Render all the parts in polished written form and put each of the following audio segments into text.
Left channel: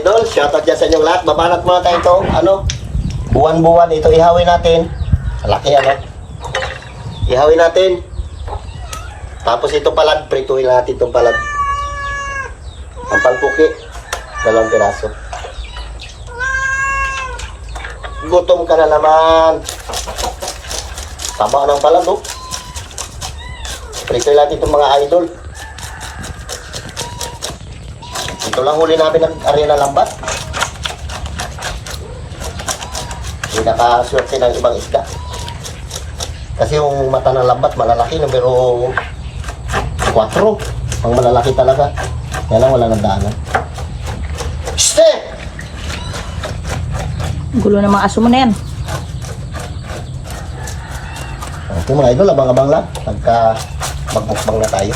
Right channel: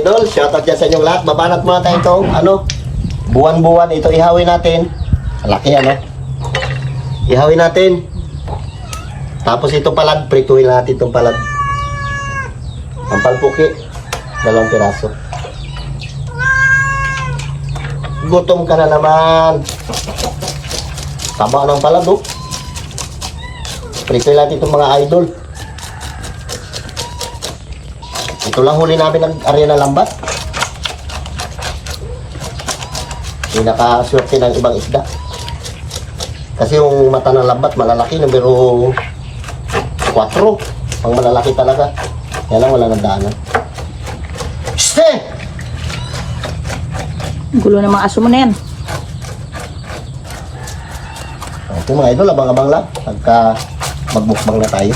idol, shoutout yan sa inyong lahat. Babanat mga tayo itong buwan-buwan. Ito ihawin natin. Malaki ano. Ihawin natin. Tapos ito palag, prituhin natin itong palag. Ang palpuki, dalang piraso. Gutom ka na naman. Tama ng palag, oh. Prituhin natin itong mga idol. Ito lang huli namin ng arena lambat. Hindi nakasurte ng ibang isda. Kasi yung mata ng lambat malalaki, numero 4. Pag malalaki talaga. Yan lang malandaan. Shte! Gulo ng mga aso mo na yan. Ito mga idol, abang-abang lang. Pagka magbukbang na tayo.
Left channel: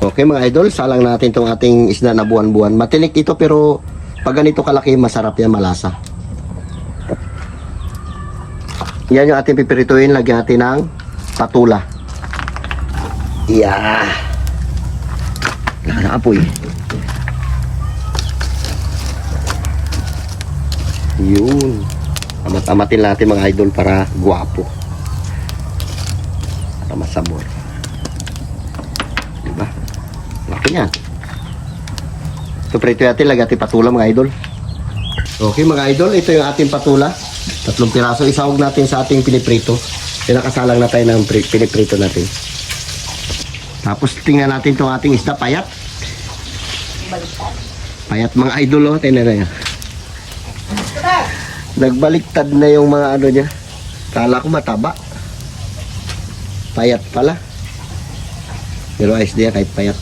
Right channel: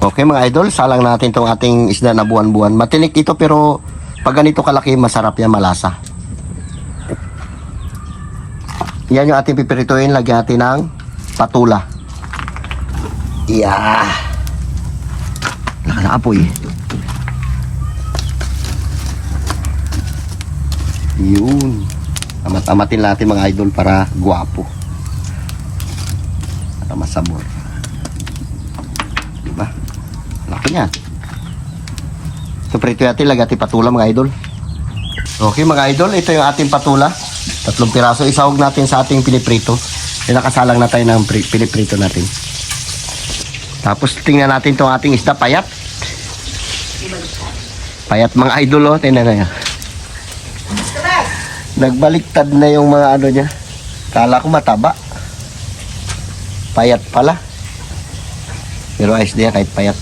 Okay mga idol, salang natin itong ating isda na buwan-buwan. Matinik ito pero pag ganito kalaki, masarap yan, malasa. Yan yung ating pipirituin, lagyan natin ng patula. Yeah. Nakaapoy. Yun. Amat-amatin natin mga idol para guwapo. Para masabor. Diba? Laki yan. So prito natin, lagyan natin patula mga idol. Okay mga idol, ito yung ating patula. 3 piraso, isahog natin sa ating piniprito. Pinakasalang na tayo ng piniprito natin. Tapos tingnan natin itong ating isda, payat. Payat mga idol, oh. Tingnan na yan. Nagbaliktad na yung mga ano niya. Kala ko mataba. Payat pala. Pero ayos din yan kahit payat.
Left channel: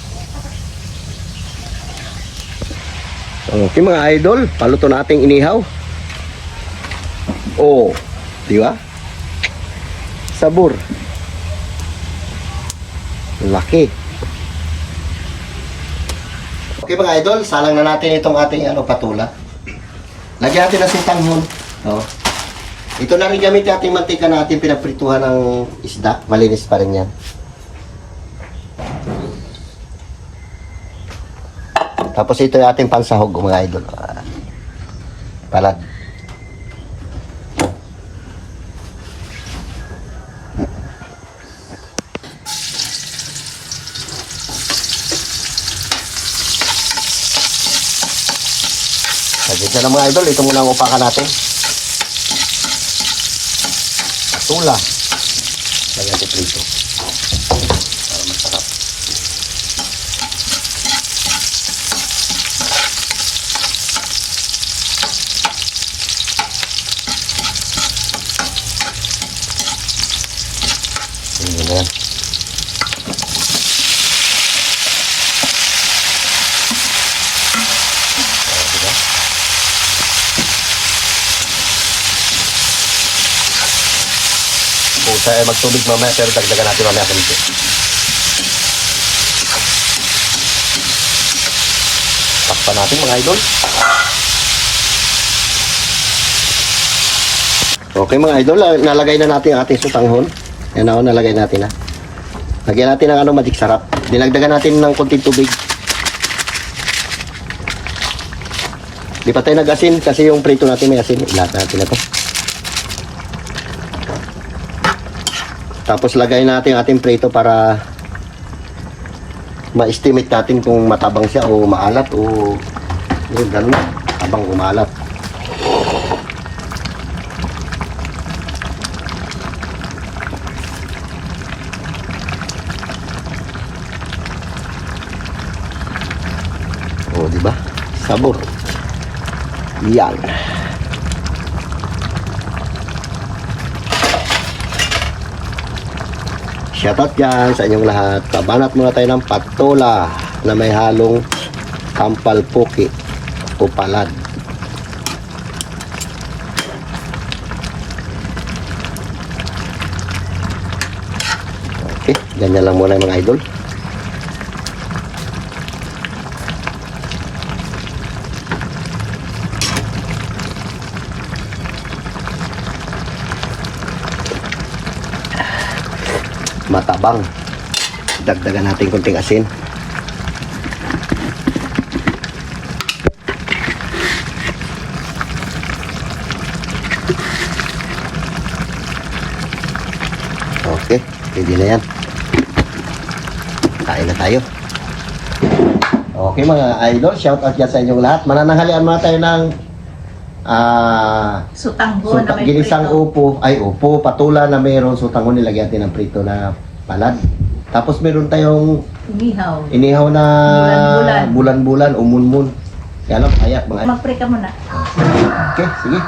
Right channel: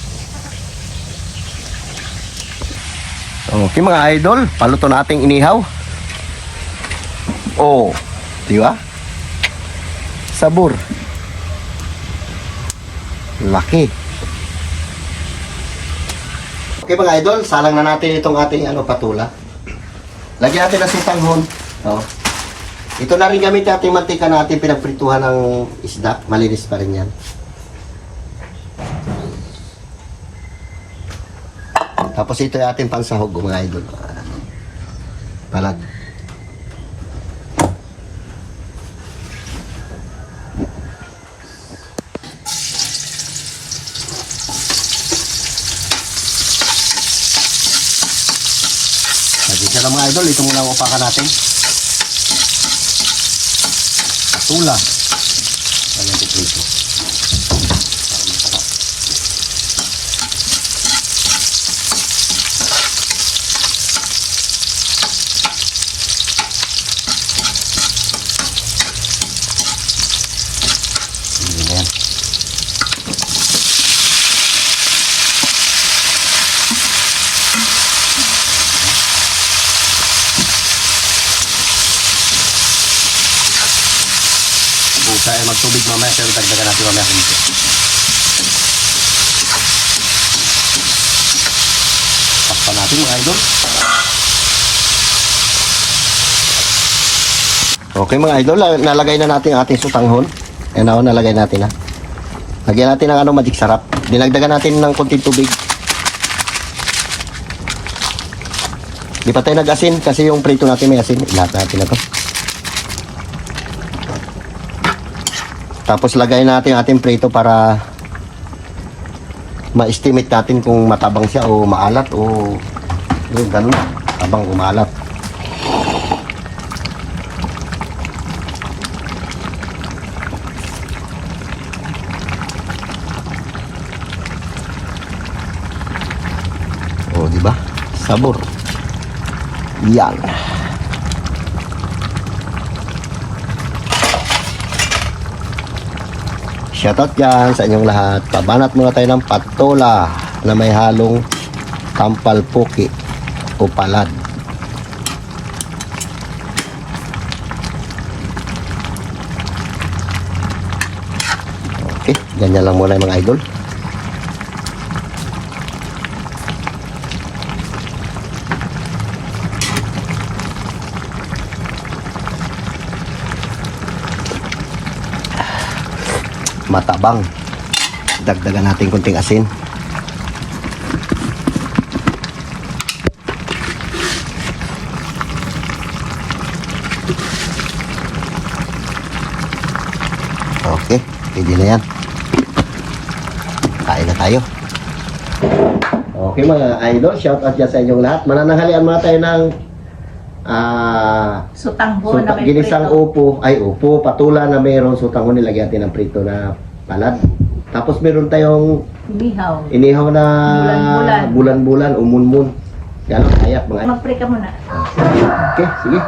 Okay mga idol, paluto na ating inihaw. Oh, di ba? Sabor. Laki. Okay mga idol, salang na natin itong ating patula. Lagyan natin ng sutanghon. Oh. Ito na rin gamit ating mantika na ating pinagprituhan ng isda. Malinis pa rin yan. Tapos ito yung ating pansahog mga idol. Palag. Dito na mga idol, ito muna ang upakan natin. Patula. Lagyan natin ito. Ay magtubig mamaya pero dagdagan natin mamaya kunti. Takpan natin mga idol. Okay mga idol, nalagay na natin ang ating sutanghon. Yan ako, nalagay natin ha. Lagyan natin ng magic sarap. Dinagdagan natin ng kunting tubig. Di pa tayo nag-asin kasi yung prito natin may asin. Lahat natin na to. Tapos lagay natin ating prito para ma-estimate natin kung matabang siya o maalat o yung ganun, tabang o maalat. O diba? Sabor. Yan. Shoutout dyan sa inyong lahat. Pabanat muna tayo ng patola na may halong kampalpuki o palad. Okay, ganyan lang muna mga idol. Matabang. Dagdagan natin konting asin. Pwede na yan. Kain na tayo. Okay mga idol, shout out dyan sa inyong lahat. Manananghalian mga tayo ng Sutanggo na may ginisang prito. upo, patula na mayroon sutanggo, nilagyan natin ng prito na palad. Tapos meron tayong inihaw na bulan-bulan, umun-mun. Yan ang ayak mga. Mag-pray ka muna. Okay, sige.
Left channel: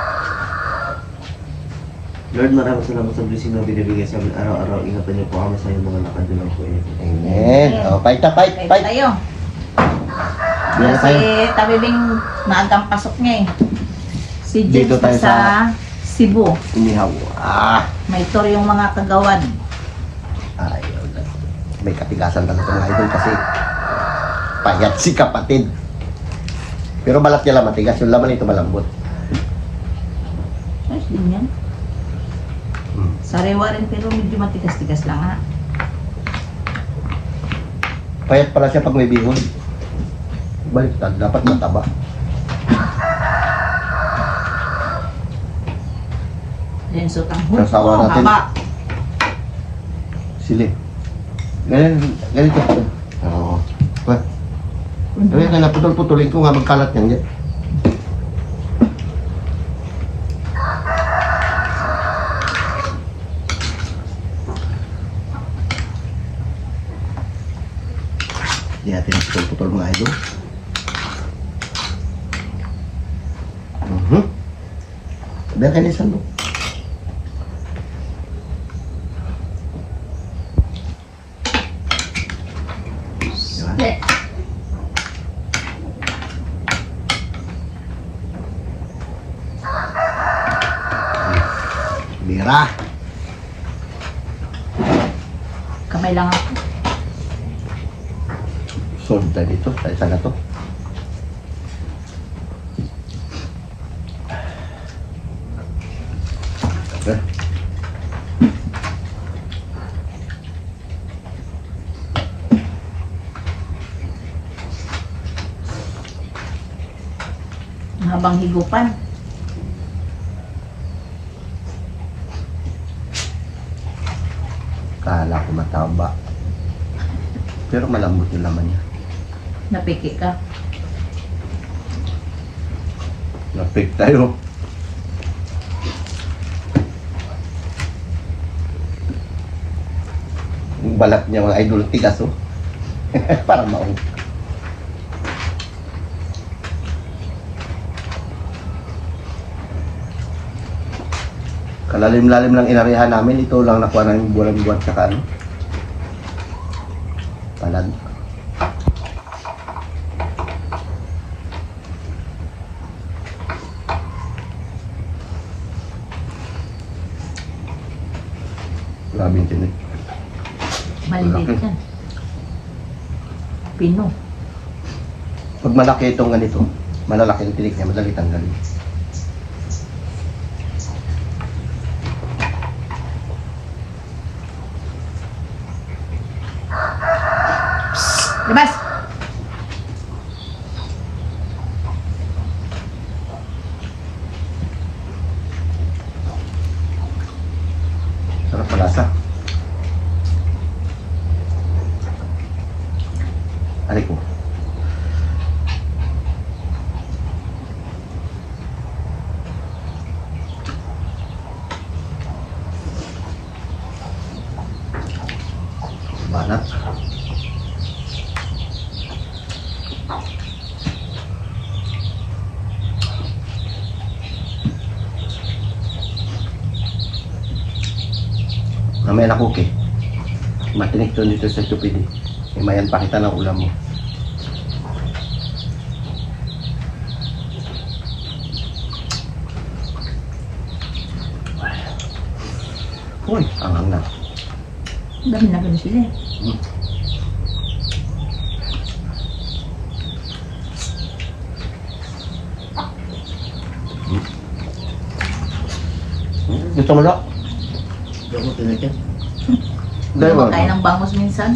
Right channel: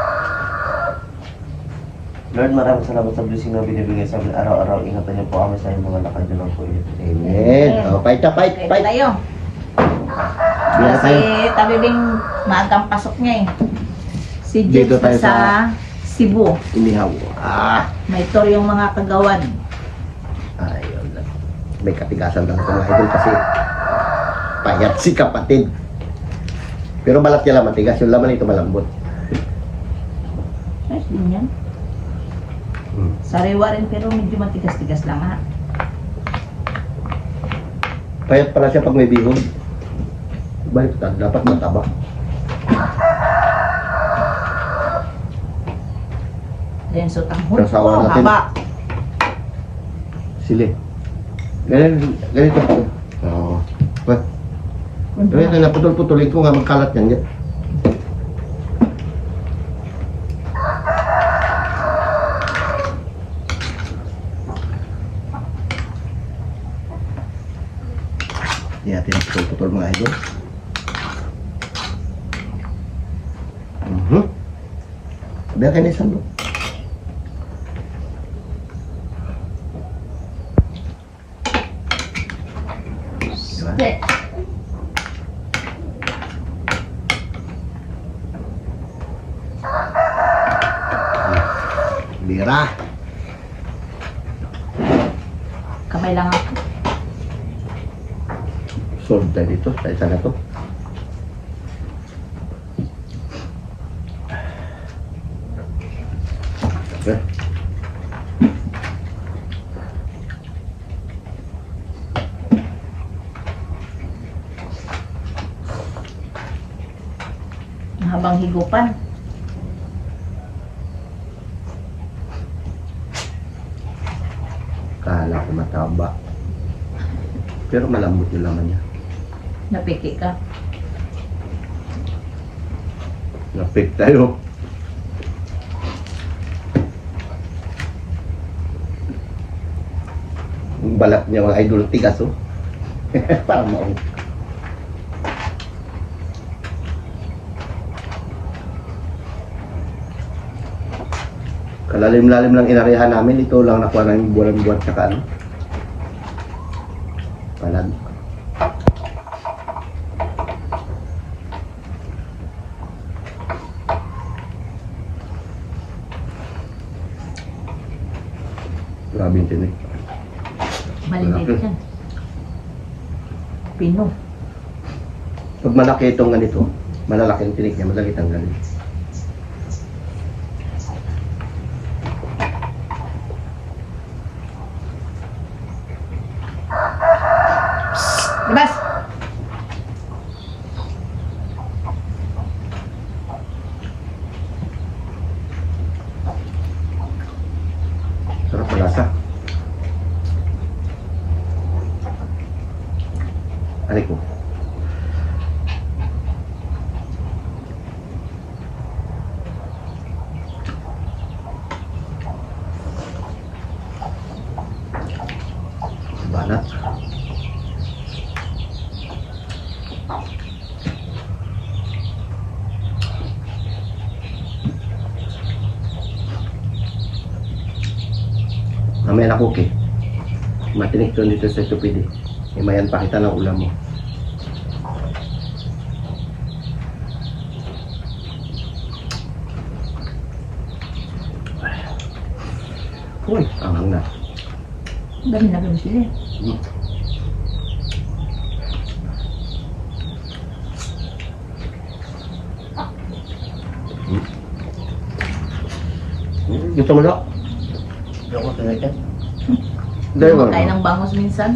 Lord, maraming salamat sa blessing na binibigay sa amin araw-araw. Ingatan niyo po kami sa inyong mga lakad niyo lang po yun. Amen. O, fight. Kaya tayo. Yan na Kasi tayo. tabibing maagang pasok niya eh. Si Dito James tayo na sa Cebu. Inihaw. May tour yung mga kagawad. Ayun. May katigasan talaga mga idol kasi payat si kapatid. Pero balat niya lang matigas. Yung laman ito malambot. Ayos din yan. Sariwa rin pero medyo matigas-tigas lang ha. Payat pala siya pag may bihon. Baliktad. Dapat mataba. Then sutanghon. Sasawa Oh, natin. haba. Sili. Ganito. Oo. Kaya naputol-putulin ko nga magkalat yan. Hindi natin naputol-putol mga idol. Biar kayo nisan mo. Diba? Okay. Bira. Kamay lang ako. Solve tayo dito. Tayo sana to. Habang higupan. Kala ko mataba. Pero malambot yung laman niya. Napiki ka. Napik tayo. Yung balat niya mga idol tigas oh. Parang maong. Kalalim-lalim lang inarehan namin. Ito lang nakuha namin buwan-buwan tsaka ano. Palad. Grabe yung tinik. Maliliit Malaki. yan. Pino. Pag malaki itong ganito, malalaki yung tinik niya, madali tanggalin. Labas! Sarap malasa. Aray ko. Banat. Mamaya na cookie. Matinik to dito sa tupidi. Eh mayan pakita ng ulam mo. Uy, ang na. Dami na gano'n sila eh. Gusto mo na? Gamot na yan. Hindi Dahil mo. naman kain ng bangus minsan.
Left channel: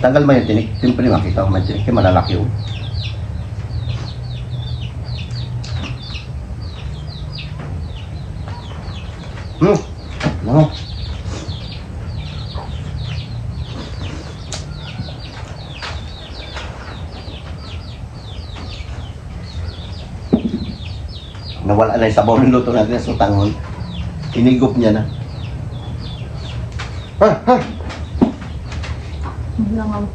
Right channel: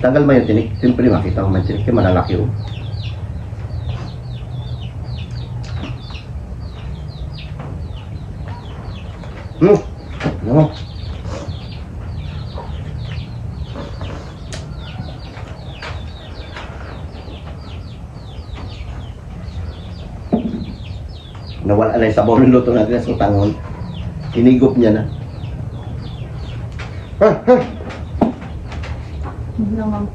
Tanggal mo yung tinik. Siyempre makita mo may tinik. Kaya malalaki yun. Ano? Nawala na yung sabaw ng luto natin sa tangon. Inigop niya na. Ha? Hindi lang ang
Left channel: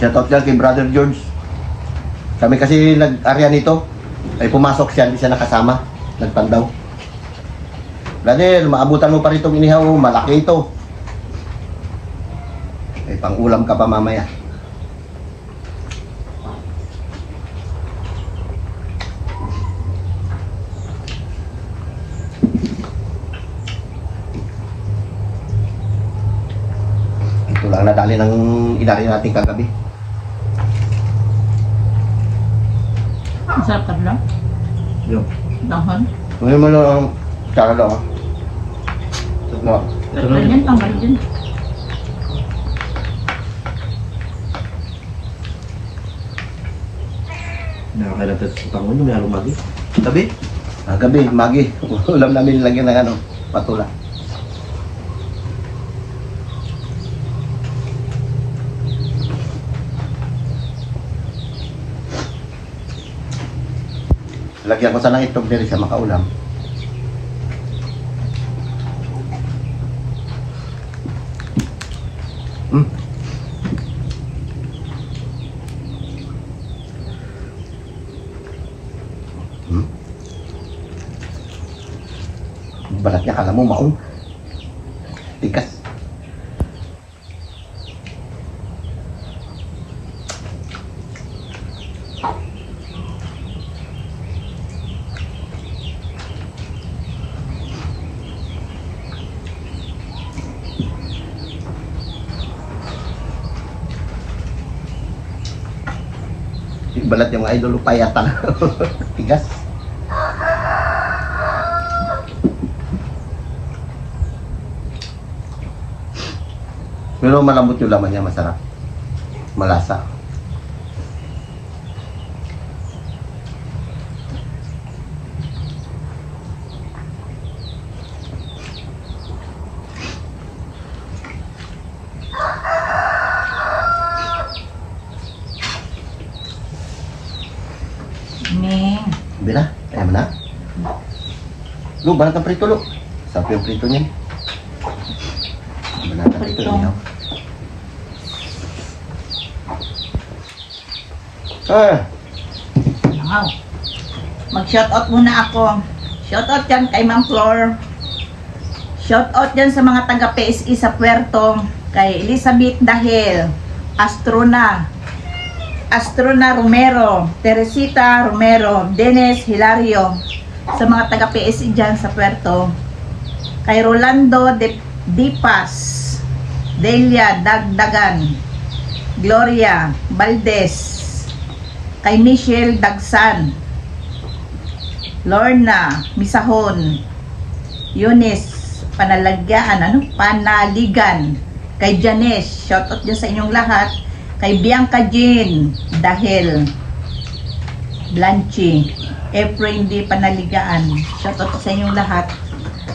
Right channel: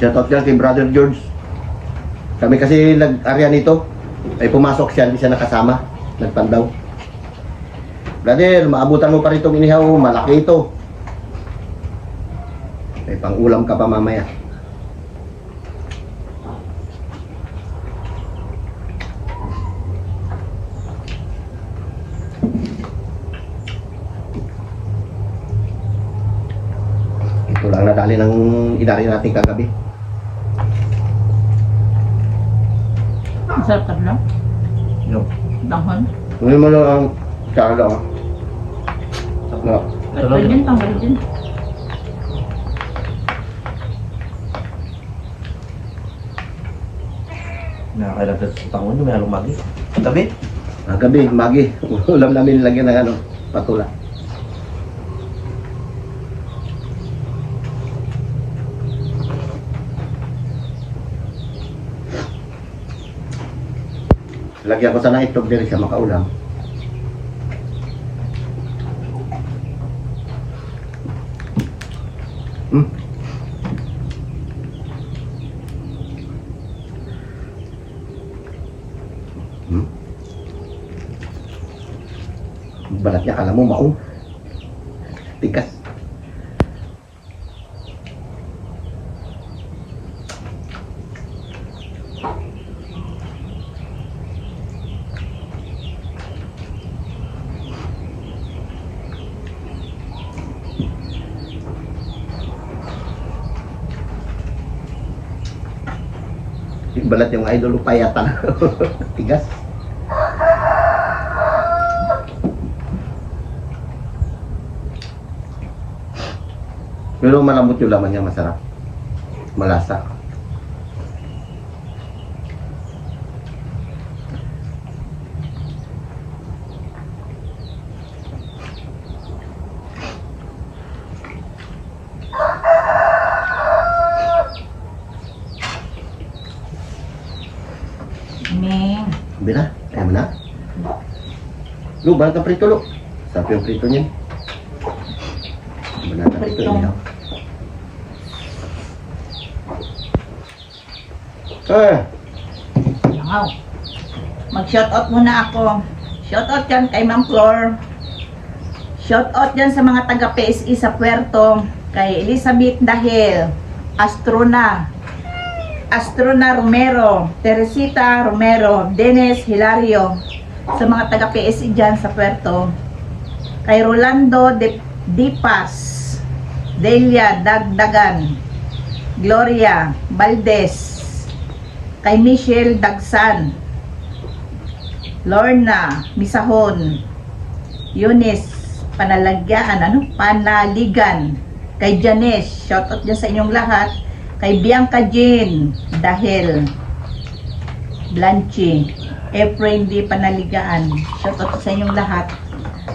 Shoutout dyan kay Brother George. Kami kasi nag-area nito. Ay pumasok siya, hindi siya nakasama. Nagpandaw. Brother, maabutan mo pa rin itong inihaw. Malaki ito. Ay pang ulam ka pa mamaya. Ito lang nadali ng inari natin kagabi. ang sarap ka lang. Yung. Langhon. Ngayon mo lang ang tsara lang. Sakla. At ganyan, tanggal din. Nakakailan sa tangon nyo, may halong magi. Tabi? Gabi, magi. Ulam namin lagyan ng ano, patula. Lagyan ko sana itlog diri siya makaulam. Hmm. Hmm. Balat niya, kala mo maong. Tikas. Balat yung idol payatan. Tigas. Pero malambot yung laman niya, masarap. Malasa. Ming. Bira, ayaw mo na? Lu, balat ang prito, lu. Sarap yung prito niyan. Balat ang prito Prito. niya. Langaw. Mag-shoutout muna ako. Shoutout dyan kay Ma'am Flor. Shoutout dyan sa mga taga PSE sa Puerto. Kay Elizabeth Dahil. Astrona Romero, Teresita Romero, Dennis Hilario, sa mga taga PSE dyan sa Puerto. Kay Rolando Dipas, Delia Dagdagan, Gloria Valdez, kay Michelle Dagsan, Lorna Misahon, Eunice Panaligan, kay Janice, shoutout dyan sa inyong lahat. Kay Bianca Jean Dahil, Blanchi, Efrain D. Panaligaan, shoutout sa inyong lahat.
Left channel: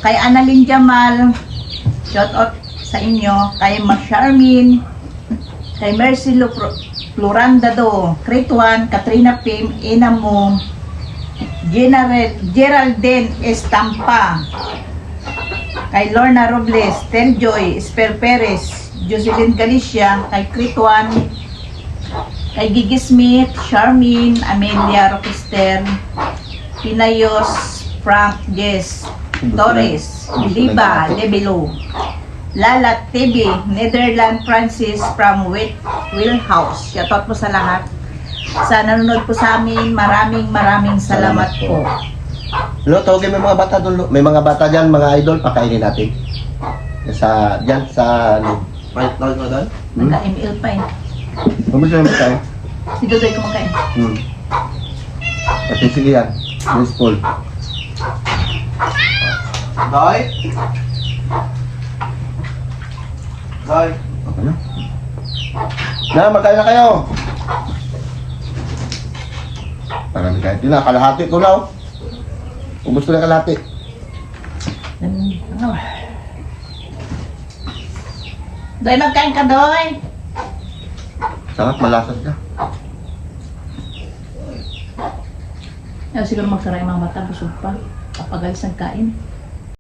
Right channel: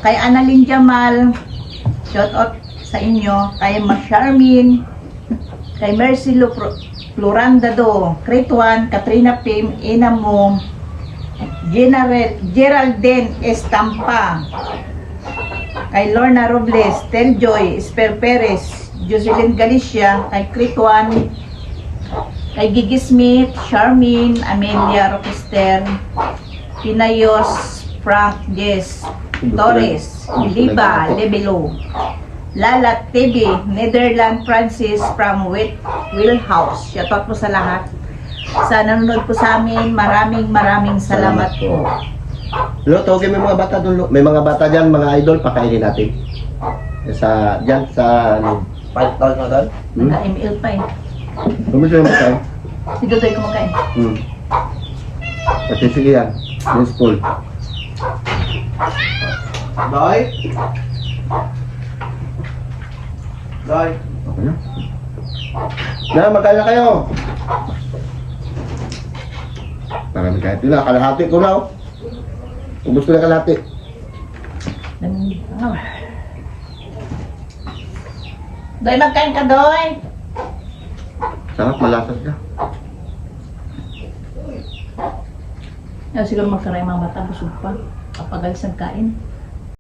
Kay Annalyn Jamal, shoutout sa inyo. Kay Charmin, kay Mercy Florandado, Crituan, Katrina Pim, Inamo, Geraldine Estampa, kay Lorna Robles, Teljoy, Esper Perez, Jocelyn Galicia, kay Crituan, kay Gigi Smith, Charmin, Amelia Roquester, Pinayos, Frank Jess, Torres, Liba, Lebelo, Lala TV, Netherland Francis from Wheelhouse. Shoutout po sa lahat. Sa nanonood po sa amin, maraming salamat po. Lo, tawagin mo yung mga bata doon, lo. May mga bata dyan, mga idol, pakainin natin. Dyan sa, ano, Tawag mo doon? Nagka-ML pa eh. kung gusto nyo magkain. Si Dodoy kumakain. Kasi sige yan, baseball. Bye! Bye! Ano? Na, magkain na kayo. Parang kahit yun na, kalahati ko na. Ubus ko na kalahati. Doy, magkain ka, Doy. Sarap, malasas ka. Siguro magkaray mga mata, busog pa. Kapag alis ng kain.